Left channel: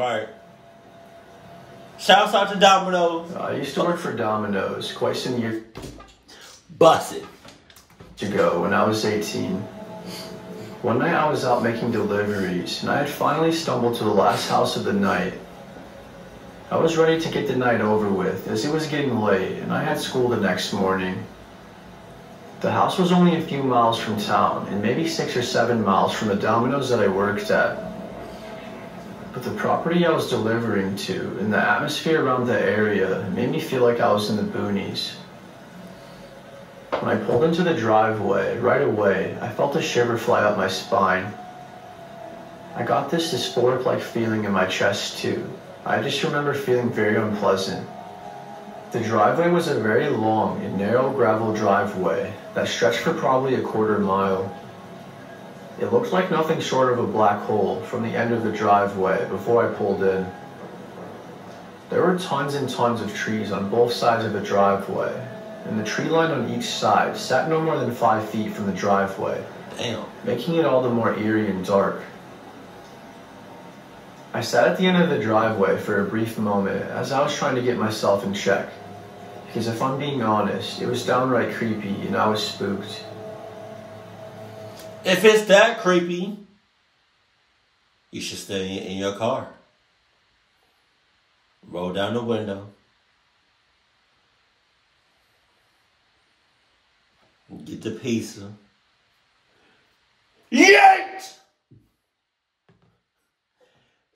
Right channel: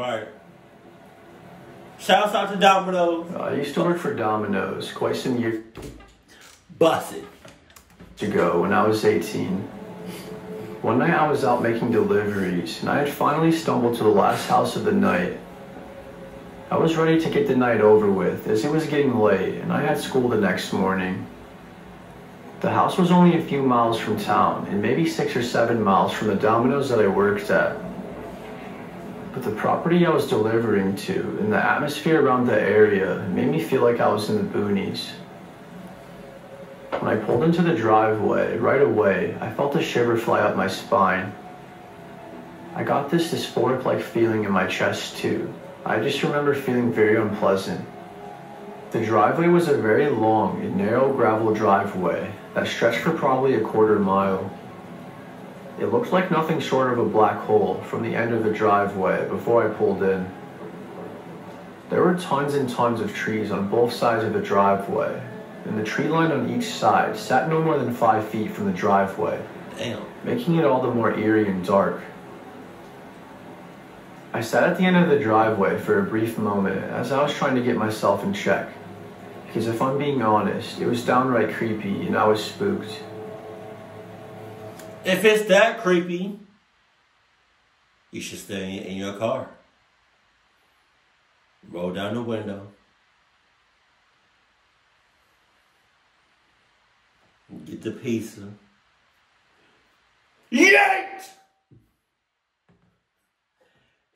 right. Shouts out to Domino's. I used to work for Domino's quite some years Busted. ago when I was 18. One night I was out making deliveries, and I had finally stumbled to the last house of the night. I was ready to get the night over with, as it was getting late, and I had school the next morning. The house was only a few miles from town, and maybe 6 or 7 miles from the Domino's that I worked at. But the property I was delivering to, and the atmosphere around the area, made me feel like I was in the boonies. When I pulled into the driveway, right away, I felt a shiver fly up my spine. I got this dysphoric-like feeling in my chest too. I just remember feeling very unpleasant. The driveway was a very long and narrow gravel driveway that stretched for probably a quarter mile. It looked like nothing short of a black hole from the end of the driveway before I pulled in. There were tons and tons of trees on both sides of the driveway, and the tree line on each side sat no more than 5 feet from the driveway, making it all the more eerie and dark. I sat at the end of the driveway for a brief moment as I was trying to get myself in check, because if I'm being honest, it was downright creepy and I was spooked. If it's that creepy, you should stay in your car. Roll down the window. Get the pizza. Yank!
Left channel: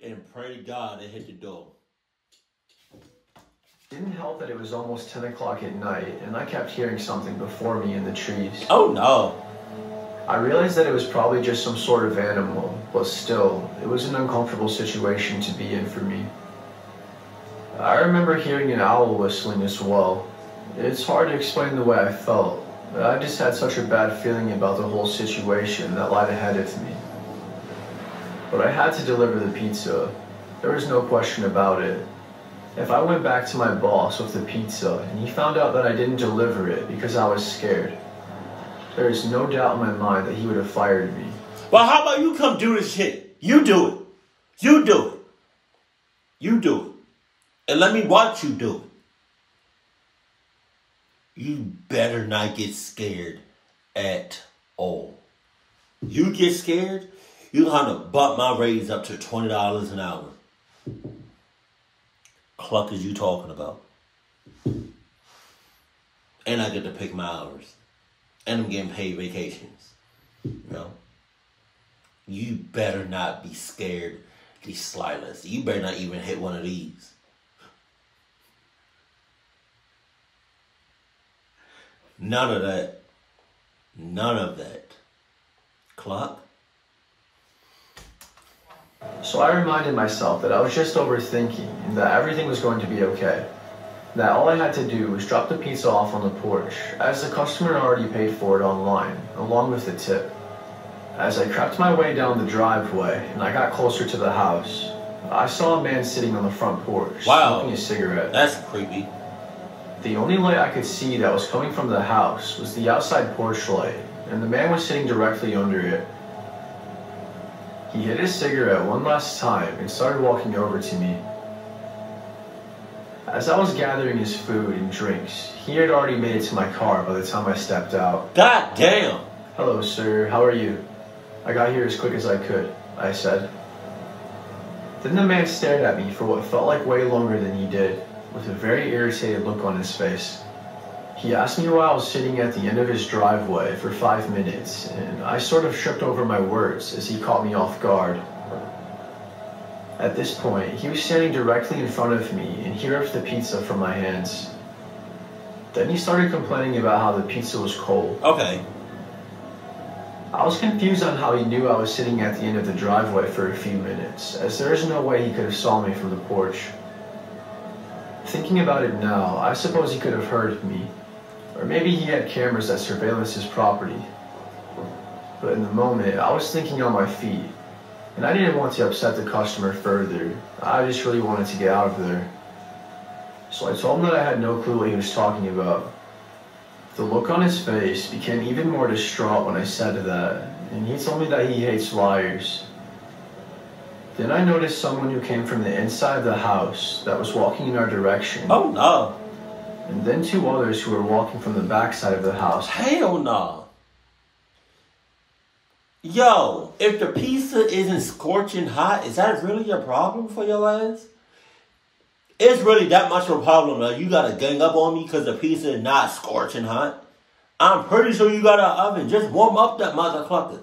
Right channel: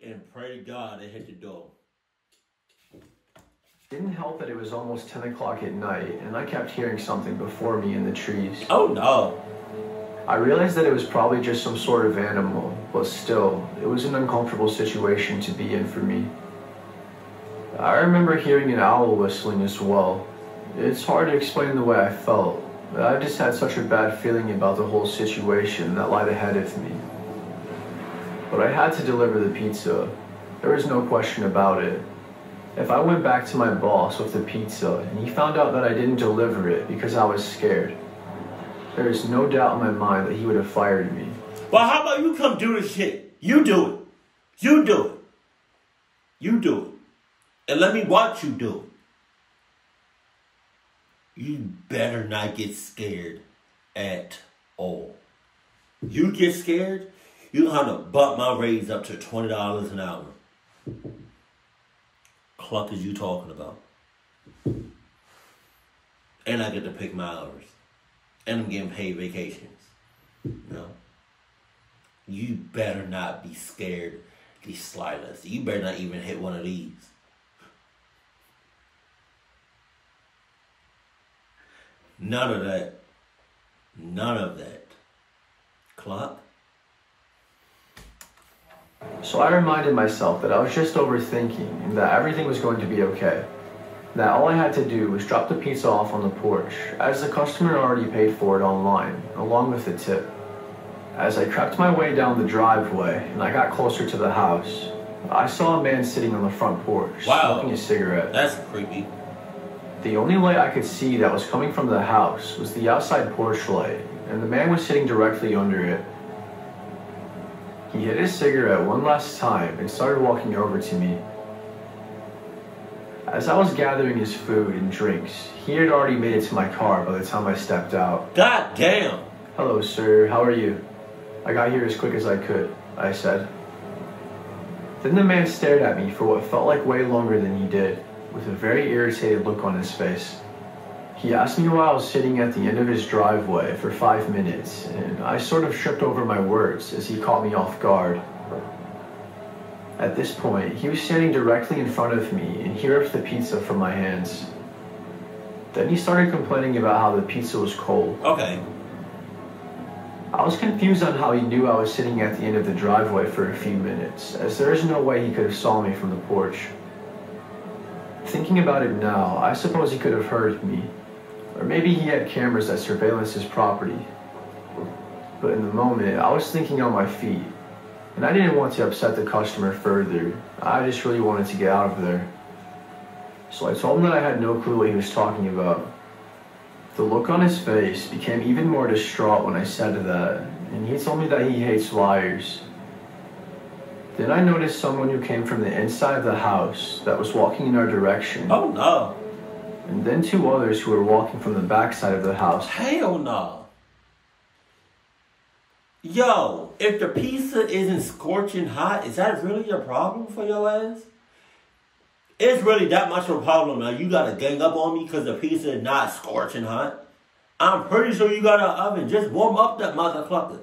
And pray to God they hit the door. Didn't help that it was almost 10 o'clock at night, and I kept hearing something before me in the trees. Oh no. I realized that it was probably just some sort of animal, but still, it was an uncomfortable situation to be in for me. I remember hearing an owl whistling as well. It's hard to explain the way I felt. I just had such a bad feeling about the whole situation that lied ahead of me. But I had to deliver the pizza. There was no question about it. If I went back to my boss with the pizza and he found out that I didn't deliver it because I was scared, there is no doubt in my mind that he would have fired me. Well, how about you come do this shit? You do it. You do it. You do it. And let me watch you do it. You better not get scared at all. You get scared, you're going to bump my raise up to $20 an hour. Cluck is you talking about? And I get to pick my hours. And I'm getting paid vacations. You know? You better not be scared these sliders. You better not even hit one of these. None of that. None of that. Clock. So I reminded myself that I was just overthinking and that everything was going to be okay. That all I had to do was drop the pizza off on the porch, as the customer already paid for it online, along with the tip. As I crept my way down the driveway and I got closer to the house, I saw a man sitting on the front porch, smoking a cigarette. That's creepy. The only light I could see that was coming from the house was the outside porch light, and the man was sitting directly under it. He hit his cigarette one last time and started walking over to me. As I was gathering his food and drinks, he had already made it to my car by the time I stepped out. God damn! "Hello, sir. How are you?" "I got here as quick as I could," I said. Then the man stared at me for what felt like way longer than he did, with a very irritated look on his face. He asked me why I was sitting at the end of his driveway for 5 minutes, and I sort of tripped over my words as he caught me off guard. At this point, he was standing directly in front of me, and he ripped the pizza from my hands. Then he started complaining about how the pizza was cold. Okay. I was confused on how he knew I was sitting at the end of the driveway for a few minutes, as there is no way he could have saw me from the porch. Thinking about it now, I suppose he could have heard me. Or maybe he had cameras that surveillance his property. But in the moment, I was thinking on my feet, and I didn't want to upset the customer further. I just really wanted to get out of there. So I told him that I had no clue what he was talking about. The look on his face became even more distraught when I said that, and he told me that he hates liars. Then I noticed someone who came from the inside of the house that was walking in our direction. Oh no. And then two others who were walking from the backside of the house. Hell no. Yo, if the pizza isn't scorching hot, is that really a problem for your ass? It's really that much of a problem now. You gotta gang up on me because the pizza is not scorching hot. I'm pretty sure you got an oven. Just warm up that motherfucker.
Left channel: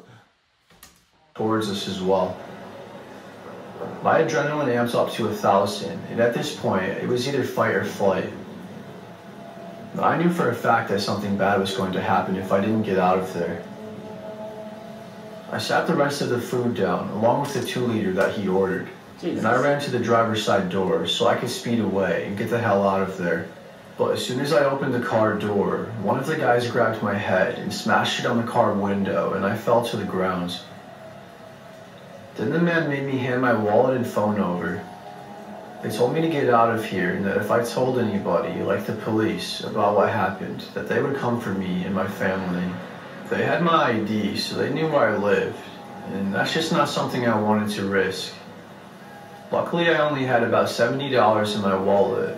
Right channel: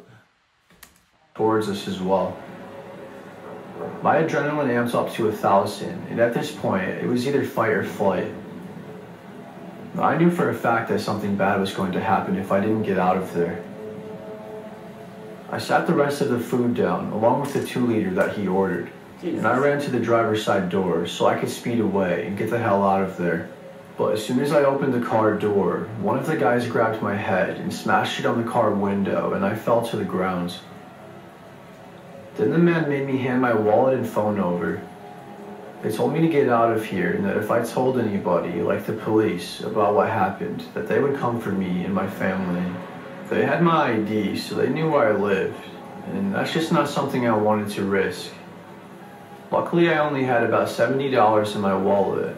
Towards us as well. My adrenaline amps up to 1,000, and at this point, it was either fight or flight. I knew for a fact that something bad was going to happen if I didn't get out of there. I sat the rest of the food down, along with the 2-liter that he ordered, and I ran to the driver's side door so I could speed away and get the hell out of there. But as soon as I opened the car door, one of the guys grabbed my head and smashed it on the car window, and I fell to the ground. Then the man made me hand my wallet and phone over. They told me to get out of here and that if I told anybody, like the police, about what happened, that they would come for me and my family. They had my ID, so they knew where I lived, and that's just not something I wanted to risk. Luckily, I only had about $70 in my wallet.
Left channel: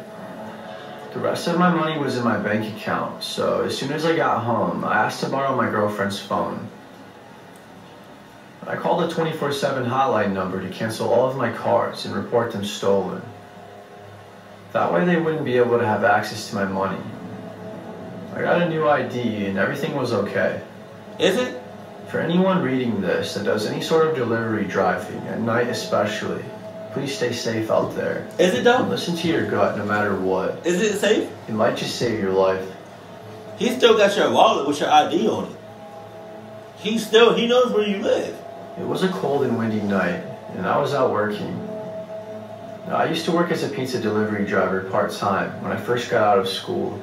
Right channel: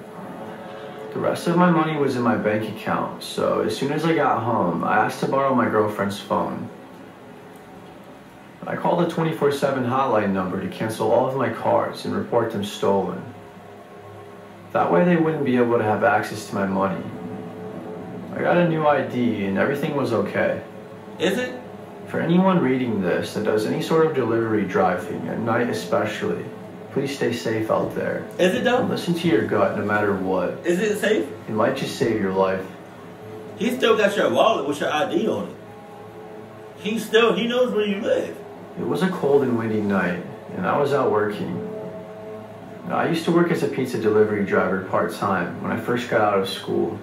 The rest of my money was in my bank account, so as soon as I got home, I asked to borrow my girlfriend's phone. I called the 24/7 hotline number to cancel all of my cards and report them stolen. That way they wouldn't be able to have access to my money. I got a new ID and everything was okay. Is it? For anyone reading this that does any sort of delivery driving, at night especially, please stay safe out there. Is it though? And listen to your gut no matter what. Is it safe? It might just save your life. He still got your wallet with your ID on it. He knows where you live. It was a cold and windy night, and I was out working. Now, I used to work as a pizza delivery driver part-time when I first got out of school.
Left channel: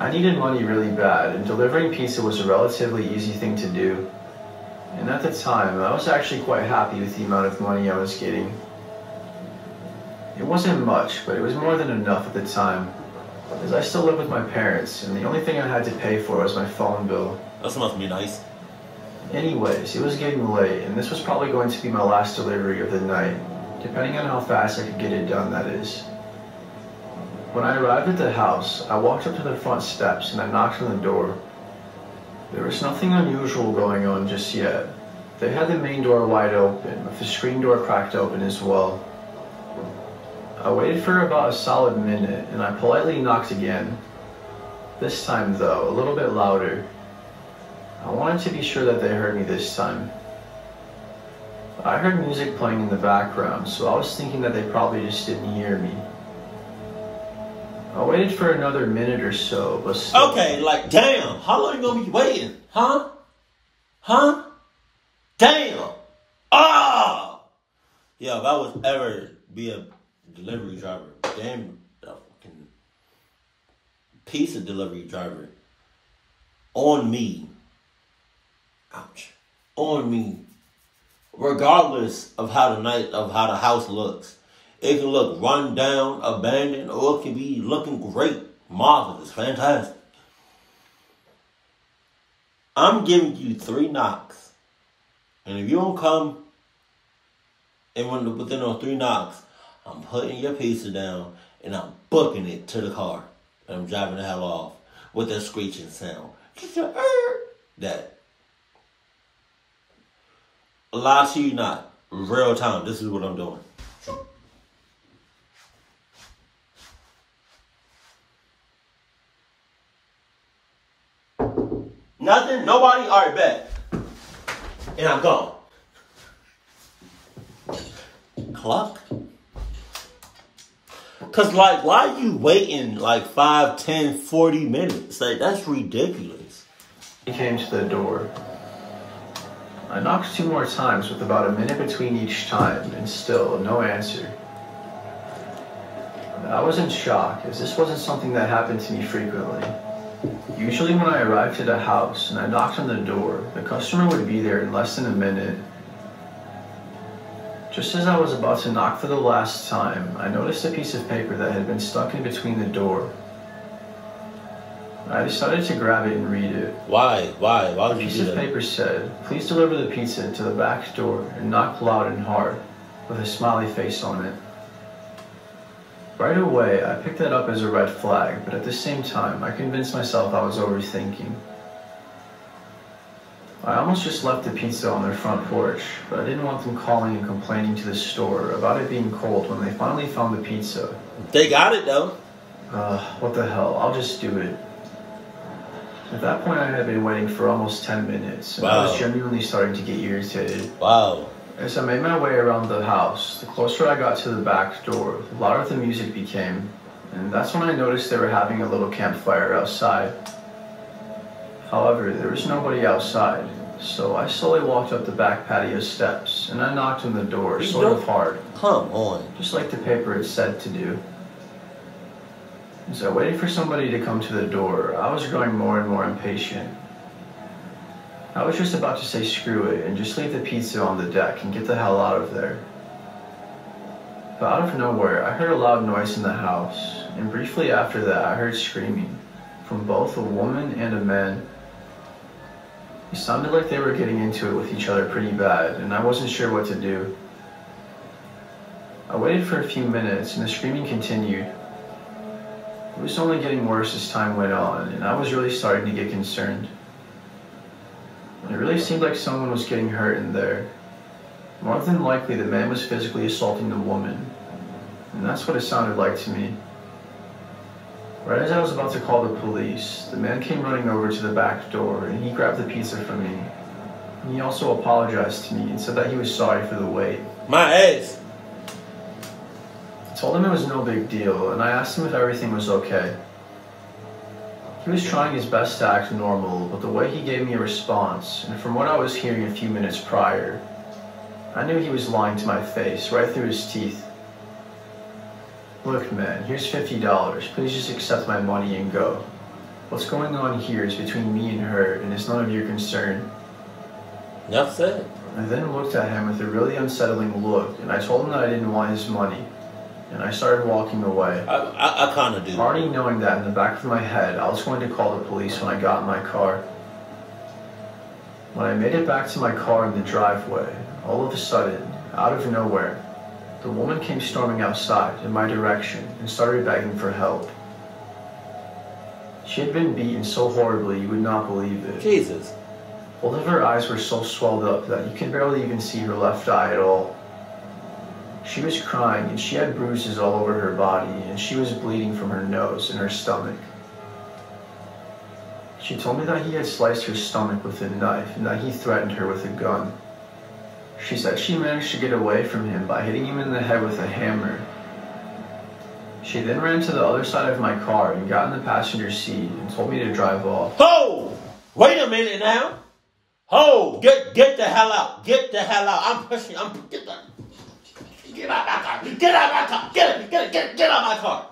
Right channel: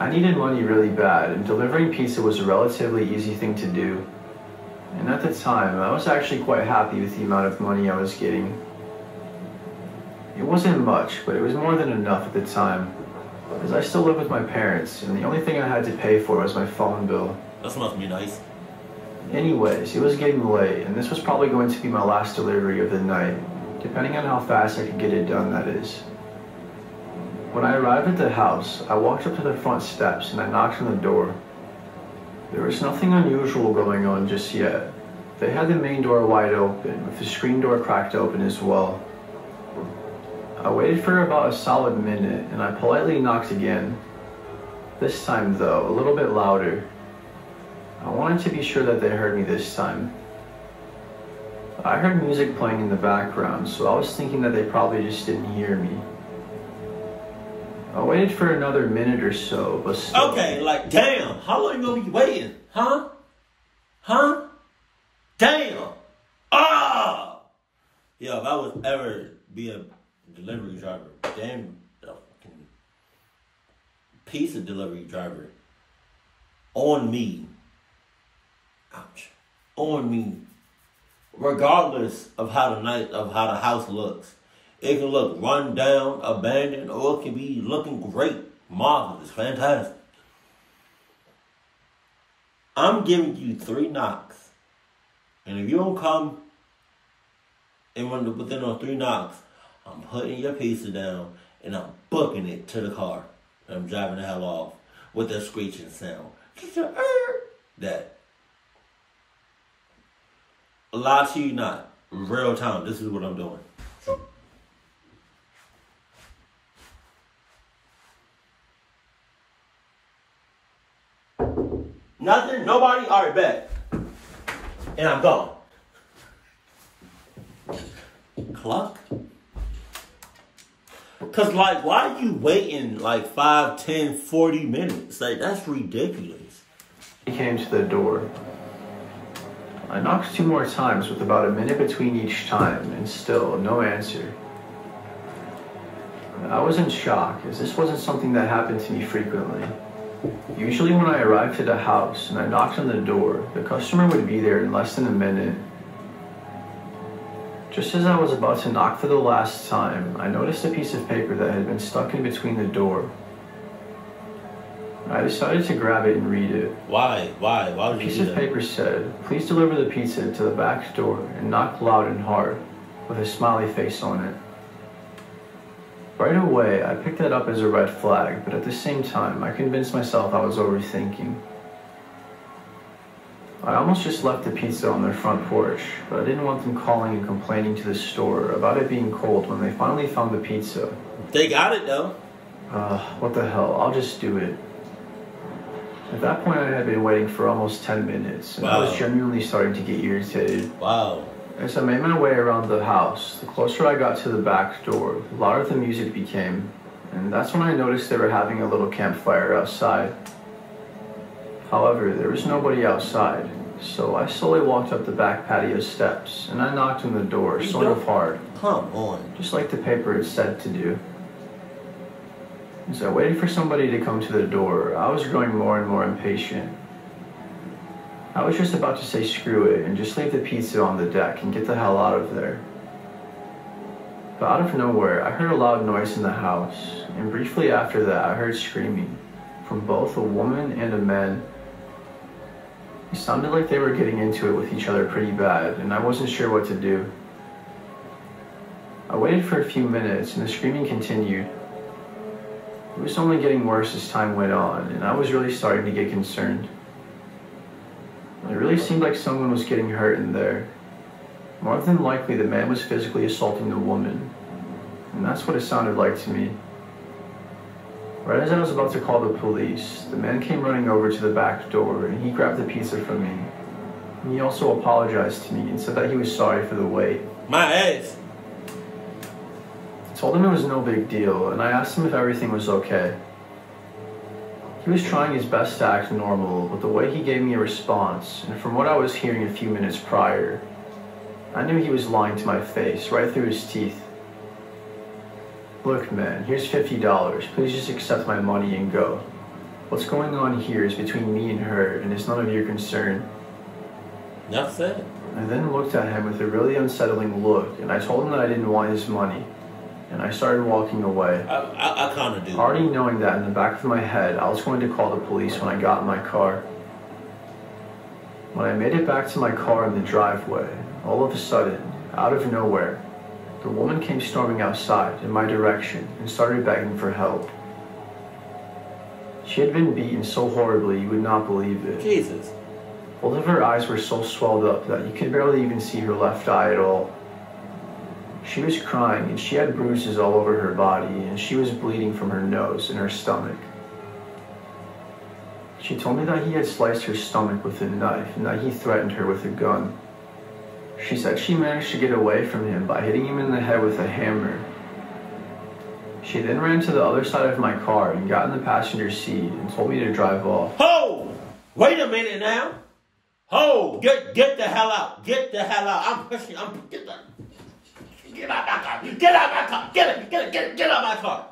I needed money really bad, and delivering pizza was a relatively easy thing to do. And at the time, I was actually quite happy with the amount of money I was getting. It wasn't much, but it was more than enough at the time, as I still lived with my parents, and the only thing I had to pay for was my phone bill. That must be nice. Anyways, it was getting late, and this was probably going to be my last delivery of the night, depending on how fast I could get it done, that is. When I arrived at the house, I walked up to the front steps and I knocked on the door. There was nothing unusual going on just yet. They had the main door wide open, with the screen door cracked open as well. I waited for about a solid minute, and I politely knocked again. This time, though, a little bit louder. I wanted to be sure that they heard me this time. I heard music playing in the background, so I was thinking that they probably just didn't hear me. I waited for another minute or so, but still... Okay, like, damn, how long you gonna be waiting? Huh? Huh? Damn! Ah! Yo, if I was ever be a delivery driver, damn, a fucking pizza delivery driver, on me. Ouch. On me. Regardless of how the house looks. It can look run down, abandoned, or it can be looking great, marvelous, fantastic. I'm giving you 3 knocks. And if you don't come within those 3 knocks, I'm putting your pizza down and I'm booking it to the car. And I'm driving the hell off with a screeching sound. That. Lie to you not. Real time. This is what I'm doing. Nothing? Nobody? Alright, bet. And I'm gone. Clock? Because, like, why are you waiting, like, 5, 10, 40 minutes? Like, that's ridiculous. He came to the door. I knocked 2 more times with about a minute between each time, and still, no answer. I was in shock, as this wasn't something that happened to me frequently. Usually when I arrived at a house and I knocked on the door, the customer would be there in less than a minute. Just as I was about to knock for the last time, I noticed a piece of paper that had been stuck in between the door. I decided to grab it and read it. Why? Why The would you piece do of that? paper said, "Please deliver the pizza to the back door and knock loud and hard," with a smiley face on it. Right away, I picked that up as a red flag, but at the same time, I convinced myself I was overthinking. I almost just left the pizza on their front porch, but I didn't want them calling and complaining to the store about it being cold when they finally found the pizza. They got it though. What the hell, I'll just do it. At that point, I had been waiting for almost 10 minutes, and I was genuinely starting to get irritated. Wow. As I made my way around the house, the closer I got to the back door, the louder the music became, and that's when I noticed they were having a little campfire outside. However, there was nobody outside, so I slowly walked up the back patio steps, and I knocked on the door, sort of hard. Come on. Just like the paper had said to do. As I waited for somebody to come to the door, I was growing more and more impatient. I was just about to say screw it and just leave the pizza on the deck and get the hell out of there. But out of nowhere, I heard a loud noise in the house, and briefly after that, I heard screaming from both a woman and a man. It sounded like they were getting into it with each other pretty bad, and I wasn't sure what to do. I waited for a few minutes, and the screaming continued. It was only getting worse as time went on, and I was really starting to get concerned. It really seemed like someone was getting hurt in there. More than likely, the man was physically assaulting the woman, and that's what it sounded like to me. Right as I was about to call the police, the man came running over to the back door, and he grabbed the pizza from me. He also apologized to me and said that he was sorry for the wait. My ass. I told him it was no big deal, and I asked him if everything was okay. He was trying his best to act normal, but the way he gave me a response, and from what I was hearing a few minutes prior, I knew he was lying to my face, right through his teeth. "Look, man, here's $50. Please just accept my money and go. What's going on here is between me and her, and it's none of your concern." Enough said. I then looked at him with a really unsettling look, and I told him that I didn't want his money, and I started walking away. I kind of do. Already knowing that in the back of my head, I was going to call the police when I got in my car. When I made it back to my car in the driveway, all of a sudden, out of nowhere, the woman came storming outside in my direction and started begging for help. She had been beaten so horribly you would not believe it. Jesus. Both of her eyes were so swelled up that you could barely even see her left eye at all. She was crying, and she had bruises all over her body, and she was bleeding from her nose and her stomach. She told me that he had sliced her stomach with a knife and that he threatened her with a gun. She said she managed to get away from him by hitting him in the head with a hammer. She then ran to the other side of my car and got in the passenger seat and told me to drive off. Ho! Wait a minute now. Ho! Get the hell out. Get the hell out. I'm pushing. Get out my car. Get out my car. Get out my car.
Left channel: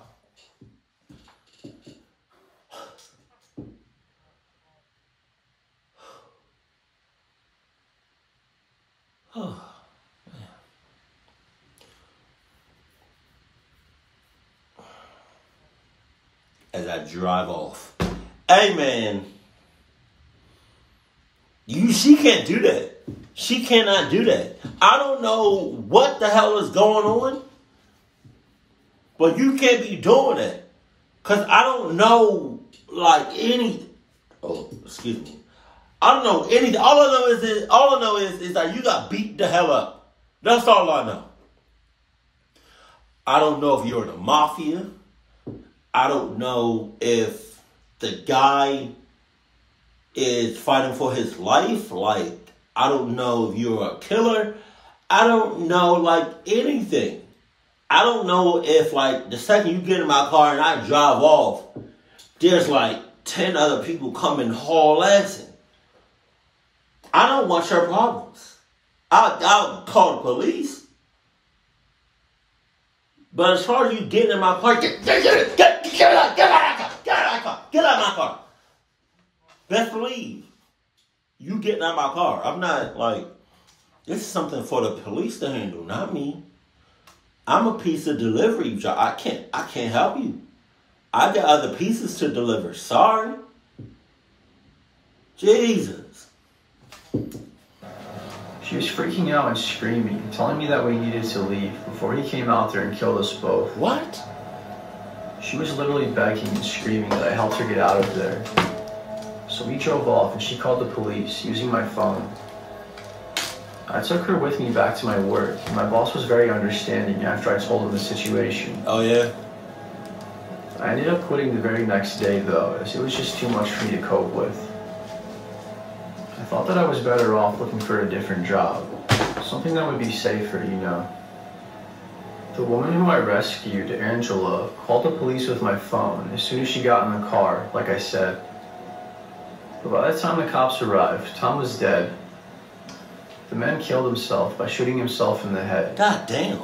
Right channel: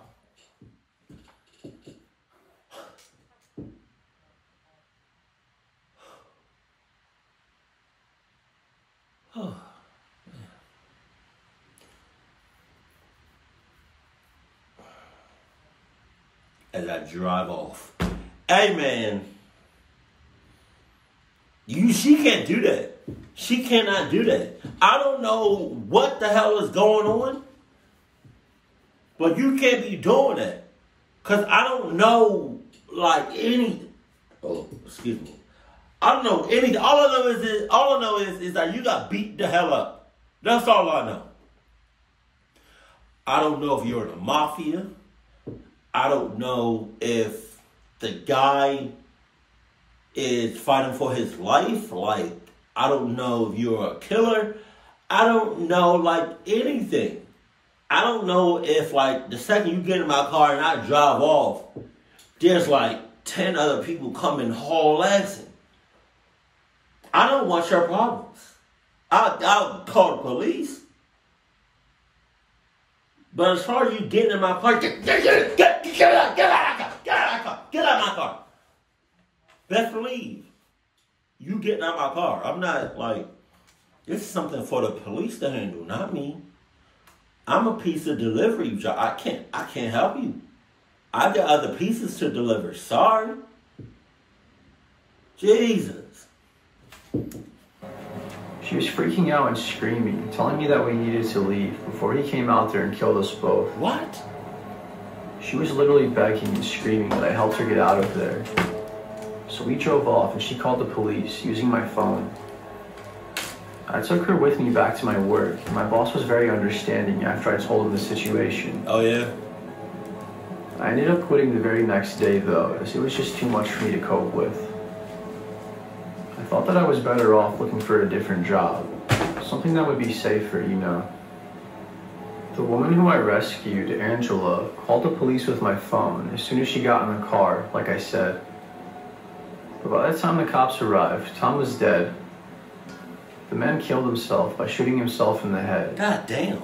As I drive off. Hey man. She can't do that. She cannot do that. I don't know what the hell is going on, but you can't be doing that. Because I don't know, like, any... Oh, excuse me. I don't know anything. All I know is that you got beat the hell up. That's all I know. I don't know if you're in the mafia. I don't know if the guy is fighting for his life. Like, I don't know if you're a killer. I don't know, like, anything. I don't know if, like, the second you get in my car and I drive off, there's, like, 10 other people coming haul ass. I don't want your problems. I'll call the police. But as far as you getting in my car, get out of my car. Best believe you getting out of my car. I'm not like, this is something for the police to handle, not me. I'm a piece of delivery job. I can't help you. I got other pieces to deliver. Sorry. Jesus. She was freaking out and screaming, telling me that we needed to leave before he came out there and killed us both. What? She was literally begging and screaming that I helped her get out of there. So we drove off and she called the police using my phone. I took her with me back to my work, and my boss was very understanding after I told him the situation. Oh, yeah? I ended up quitting the very next day, though, as it was just too much for me to cope with. I thought that I was better off looking for a different job, something that would be safer, you know. The woman who I rescued, Angela, called the police with my phone as soon as she got in the car, like I said. But by the time the cops arrived, Tom was dead. The man killed himself by shooting himself in the head. God damn.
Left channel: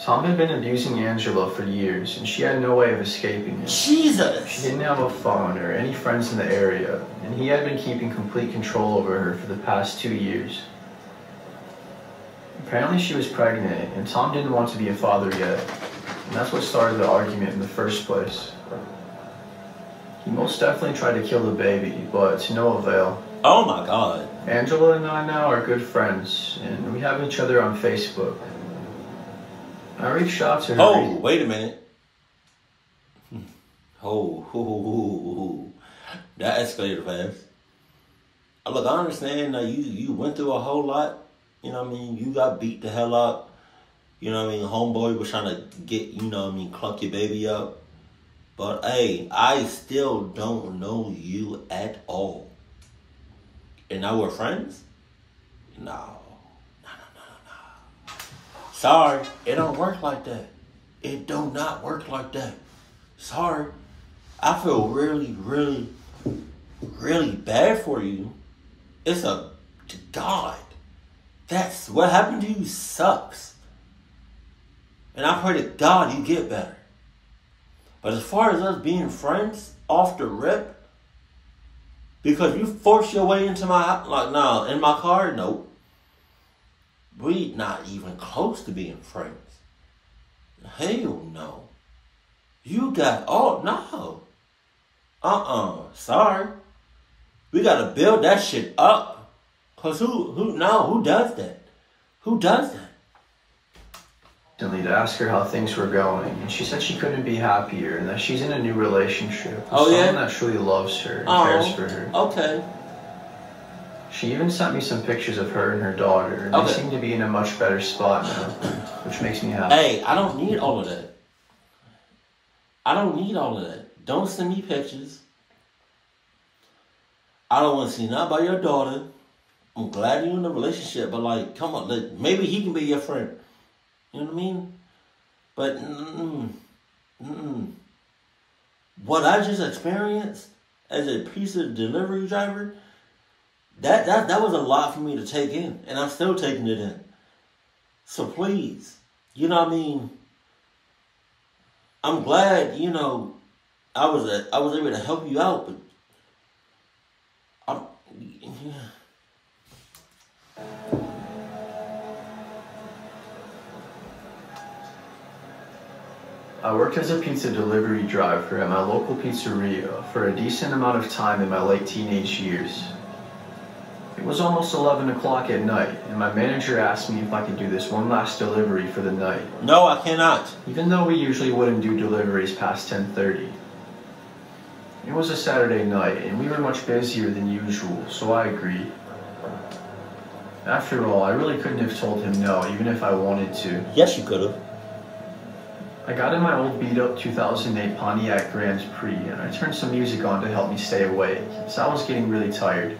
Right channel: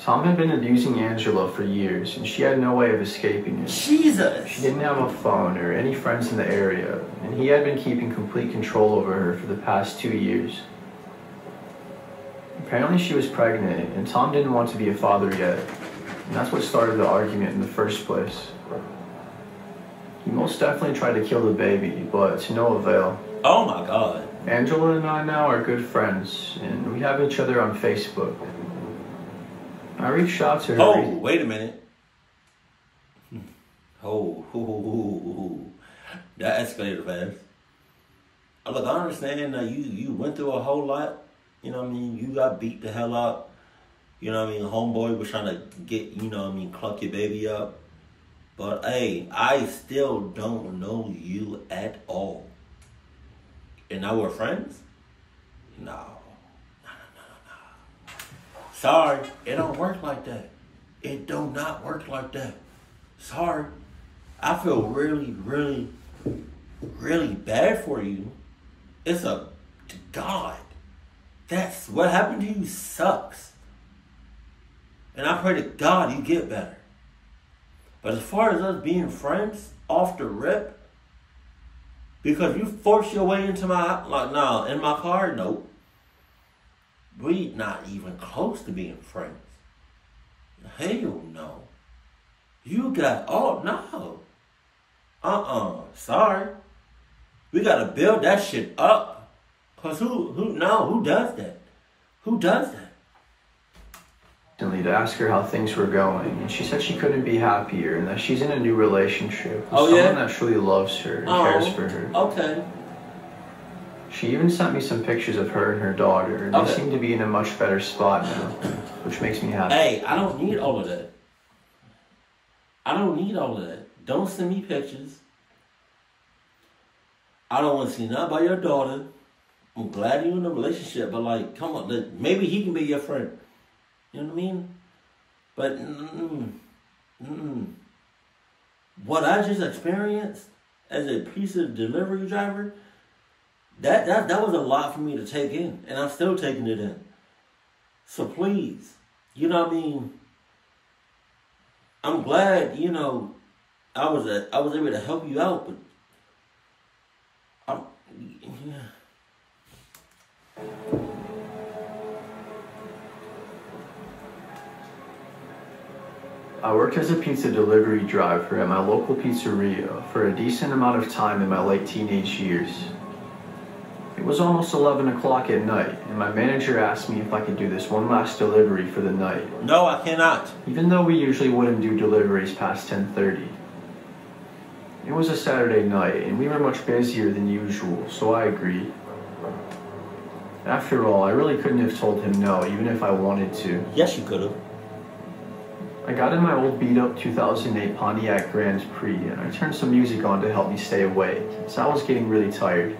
Tom had been abusing Angela for years, and she had no way of escaping it. Jesus! She didn't have a phone or any friends in the area, and he had been keeping complete control over her for the past 2 years. Apparently she was pregnant, and Tom didn't want to be a father yet, and that's what started the argument in the first place. He most definitely tried to kill the baby, but to no avail. Oh my God. Angela and I now are good friends, and we have each other on Facebook. I reached out to her. Oh, wait a minute. Oh, that escalated fast. Look, I understand that you went through a whole lot. You know what I mean? You got beat the hell up. You know what I mean? Homeboy was trying to get, you know what I mean, cluck your baby up. But, hey, I still don't know you at all. And now we're friends? No. Sorry, it don't work like that. It do not work like that. Sorry. I feel really, really, really bad for you. It's up to God. That's what happened to you sucks. And I pray to God you get better. But as far as us being friends off the rip, because you forced your way into my house, like, no, in my car, nope. We not even close to being friends. Hell no. You got, oh, no. Sorry. We got to build that shit up. Because who does that? Who does that? To ask her how things were going, and she said she couldn't be happier and that she's in a new relationship with someone that truly loves her and cares for her. Okay. She even sent me some pictures of her and her daughter, and they seem to be in a much better spot now, which makes me happy. Hey, I don't need all of that. I don't need all of that. Don't send me pictures. I don't want to see nothing about your daughter. I'm glad you're in a relationship, but like, come on, maybe he can be your friend. You know what I mean? But, what I just experienced as a piece of delivery driver, that was a lot for me to take in, and I'm still taking it in. So please, you know what I mean? I'm glad, you know, I was able to help you out, but I worked as a pizza delivery driver at my local pizzeria for a decent amount of time in my late teenage years. It was almost 11 o'clock at night, and my manager asked me if I could do this one last delivery for the night. No, I cannot. Even though we usually wouldn't do deliveries past 10:30. It was a Saturday night, and we were much busier than usual, so I agreed. After all, I really couldn't have told him no, even if I wanted to. Yes, you could have. I got in my old beat-up 2008 Pontiac Grand Prix, and I turned some music on to help me stay awake, as I was getting really tired,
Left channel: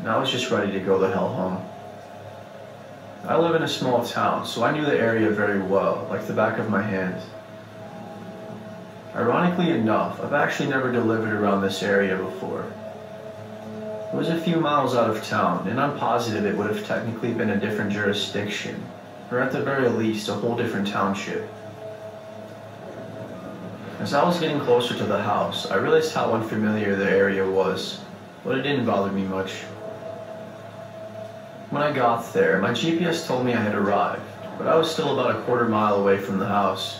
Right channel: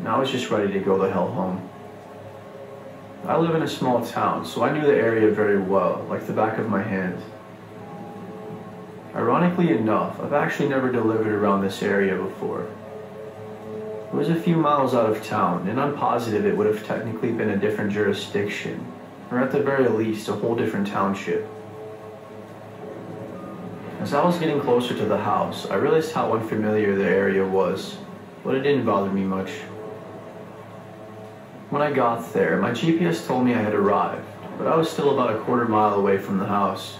and I was just ready to go the hell home. I live in a small town, so I knew the area very well, like the back of my hand. Ironically enough, I've actually never delivered around this area before. It was a few miles out of town, and I'm positive it would have technically been a different jurisdiction, or at the very least, a whole different township. As I was getting closer to the house, I realized how unfamiliar the area was, but it didn't bother me much. When I got there, my GPS told me I had arrived, but I was still about a quarter mile away from the house.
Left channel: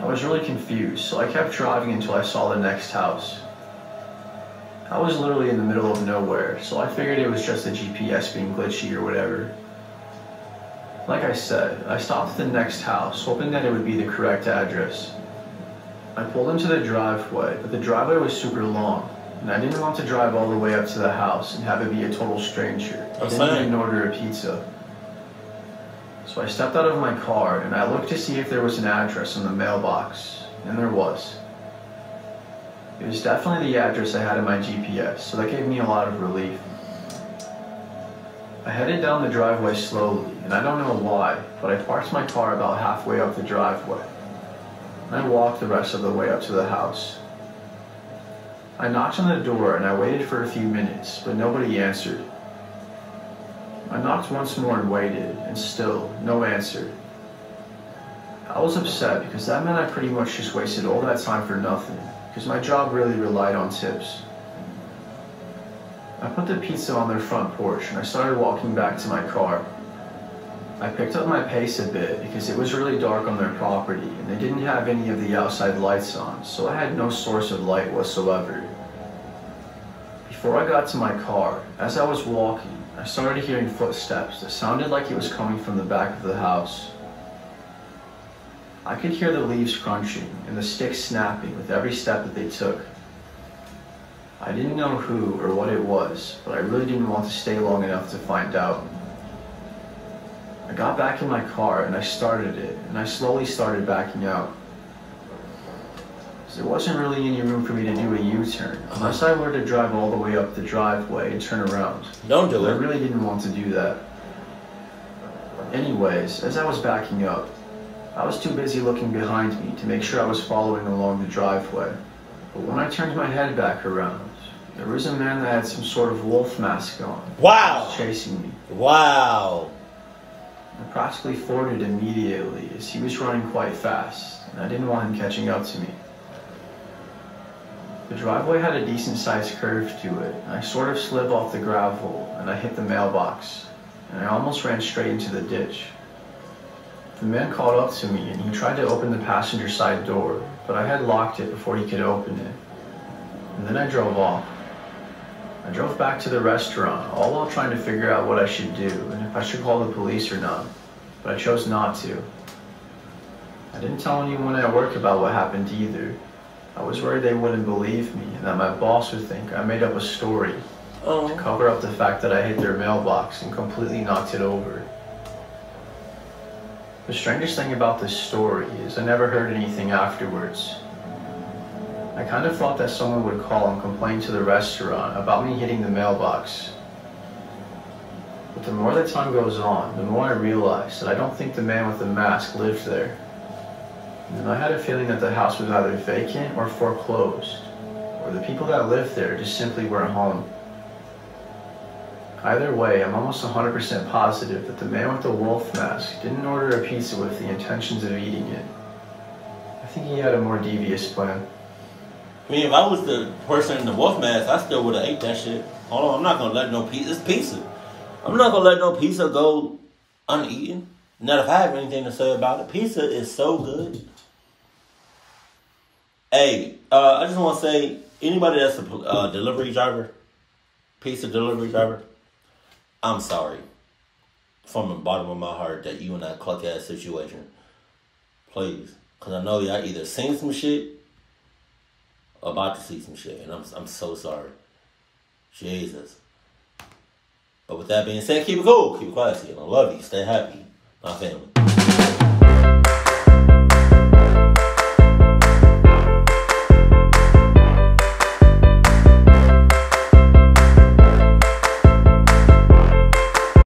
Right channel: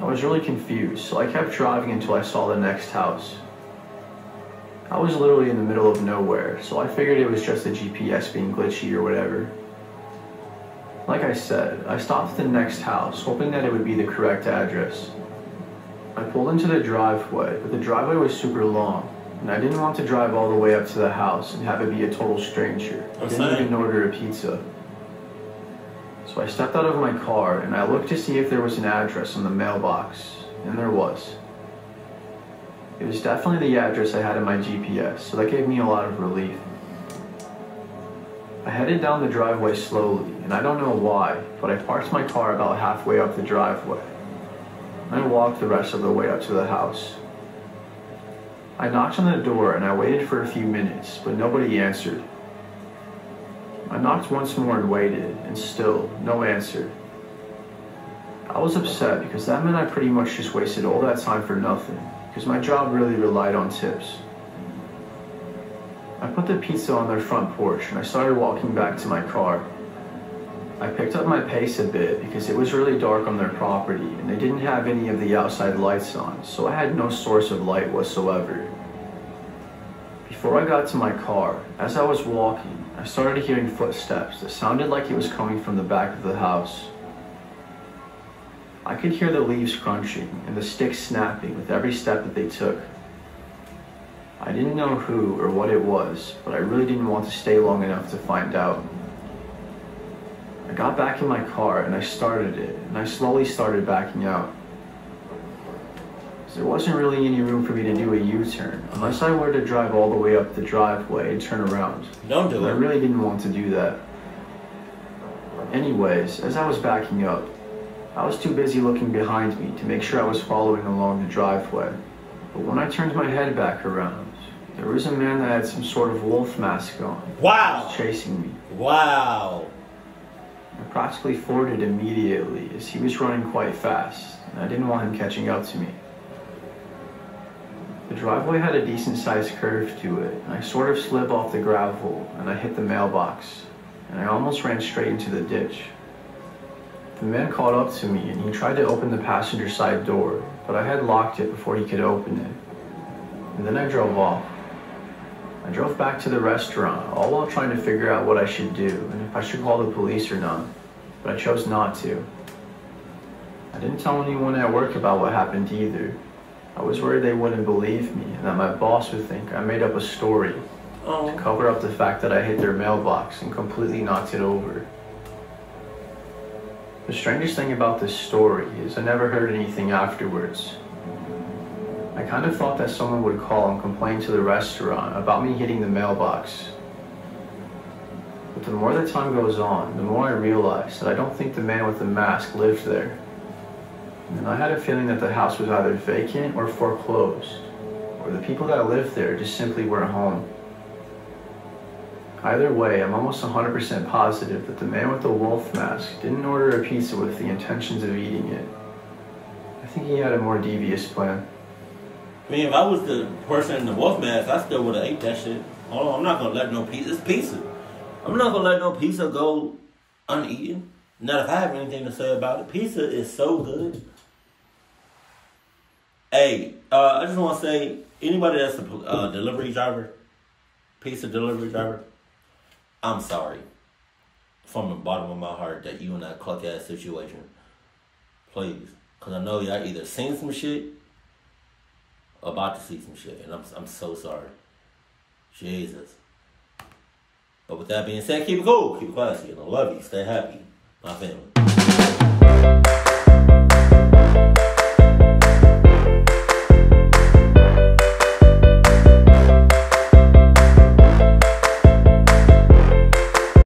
I was really confused, so I kept driving until I saw the next house. I was literally in the middle of nowhere, so I figured it was just the GPS being glitchy or whatever. Like I said, I stopped at the next house, hoping that it would be the correct address. I pulled into the driveway, but the driveway was super long, and I didn't want to drive all the way up to the house and have it be a total stranger. I didn't even order a pizza. So I stepped out of my car and I looked to see if there was an address on the mailbox, and there was. It was definitely the address I had in my GPS, so that gave me a lot of relief. I headed down the driveway slowly, and I don't know why, but I parked my car about halfway up the driveway. I walked the rest of the way up to the house. I knocked on the door and I waited for a few minutes, but nobody answered. I knocked once more and waited, and still, no answer. I was upset because that meant I pretty much just wasted all that time for nothing, because my job really relied on tips. I put the pizza on their front porch and I started walking back to my car. I picked up my pace a bit because it was really dark on their property and they didn't have any of the outside lights on, so I had no source of light whatsoever. Before I got to my car, as I was walking, I started hearing footsteps that sounded like it was coming from the back of the house. I could hear the leaves crunching and the sticks snapping with every step that they took. I didn't know who or what it was, but I really didn't want to stay long enough to find out. I got back in my car and I started it, and I slowly started backing out. There wasn't really any room for me to do a U-turn, unless I were to drive all the way up the driveway and turn around. Don't do it. I really didn't want to do that. Anyways, as I was backing up, I was too busy looking behind me to make sure I was following along the driveway. But when I turned my head back around, there was a man that had some sort of wolf mask on. Wow! He was chasing me. Wow! I practically floored it immediately as he was running quite fast, and I didn't want him catching up to me. The driveway had a decent-sized curve to it, and I sort of slid off the gravel, and I hit the mailbox, and I almost ran straight into the ditch. The man caught up to me, and he tried to open the passenger side door, but I had locked it before he could open it. And then I drove off. I drove back to the restaurant, all while trying to figure out what I should do, and if I should call the police or not, but I chose not to. I didn't tell anyone at work about what happened either. I was worried they wouldn't believe me, and that my boss would think I made up a story to cover up the fact that I hit their mailbox and completely knocked it over. The strangest thing about this story is I never heard anything afterwards. I kind of thought that someone would call and complain to the restaurant about me hitting the mailbox. But the more that time goes on, the more I realize that I don't think the man with the mask lived there. And I had a feeling that the house was either vacant or foreclosed, or the people that lived there just simply weren't home. Either way, I'm almost 100% positive that the man with the wolf mask didn't order a pizza with the intentions of eating it. I think he had a more devious plan. I mean, if I was the person in the wolf mask, I still would have ate that shit. Hold on, I'm not gonna let no pizza. It's pizza. I'm not gonna let no pizza go uneaten. Not if I have anything to say about it. Pizza is so good. Hey, I just want to say, anybody that's a delivery driver, pizza delivery driver, I'm sorry from the bottom of my heart that you in that cluck ass situation. Please, because I know y'all either seen some shit or about to see some shit, and I'm so sorry. Jesus. But with that being said, keep it cool, keep it classy, and I love you. Stay happy, my family.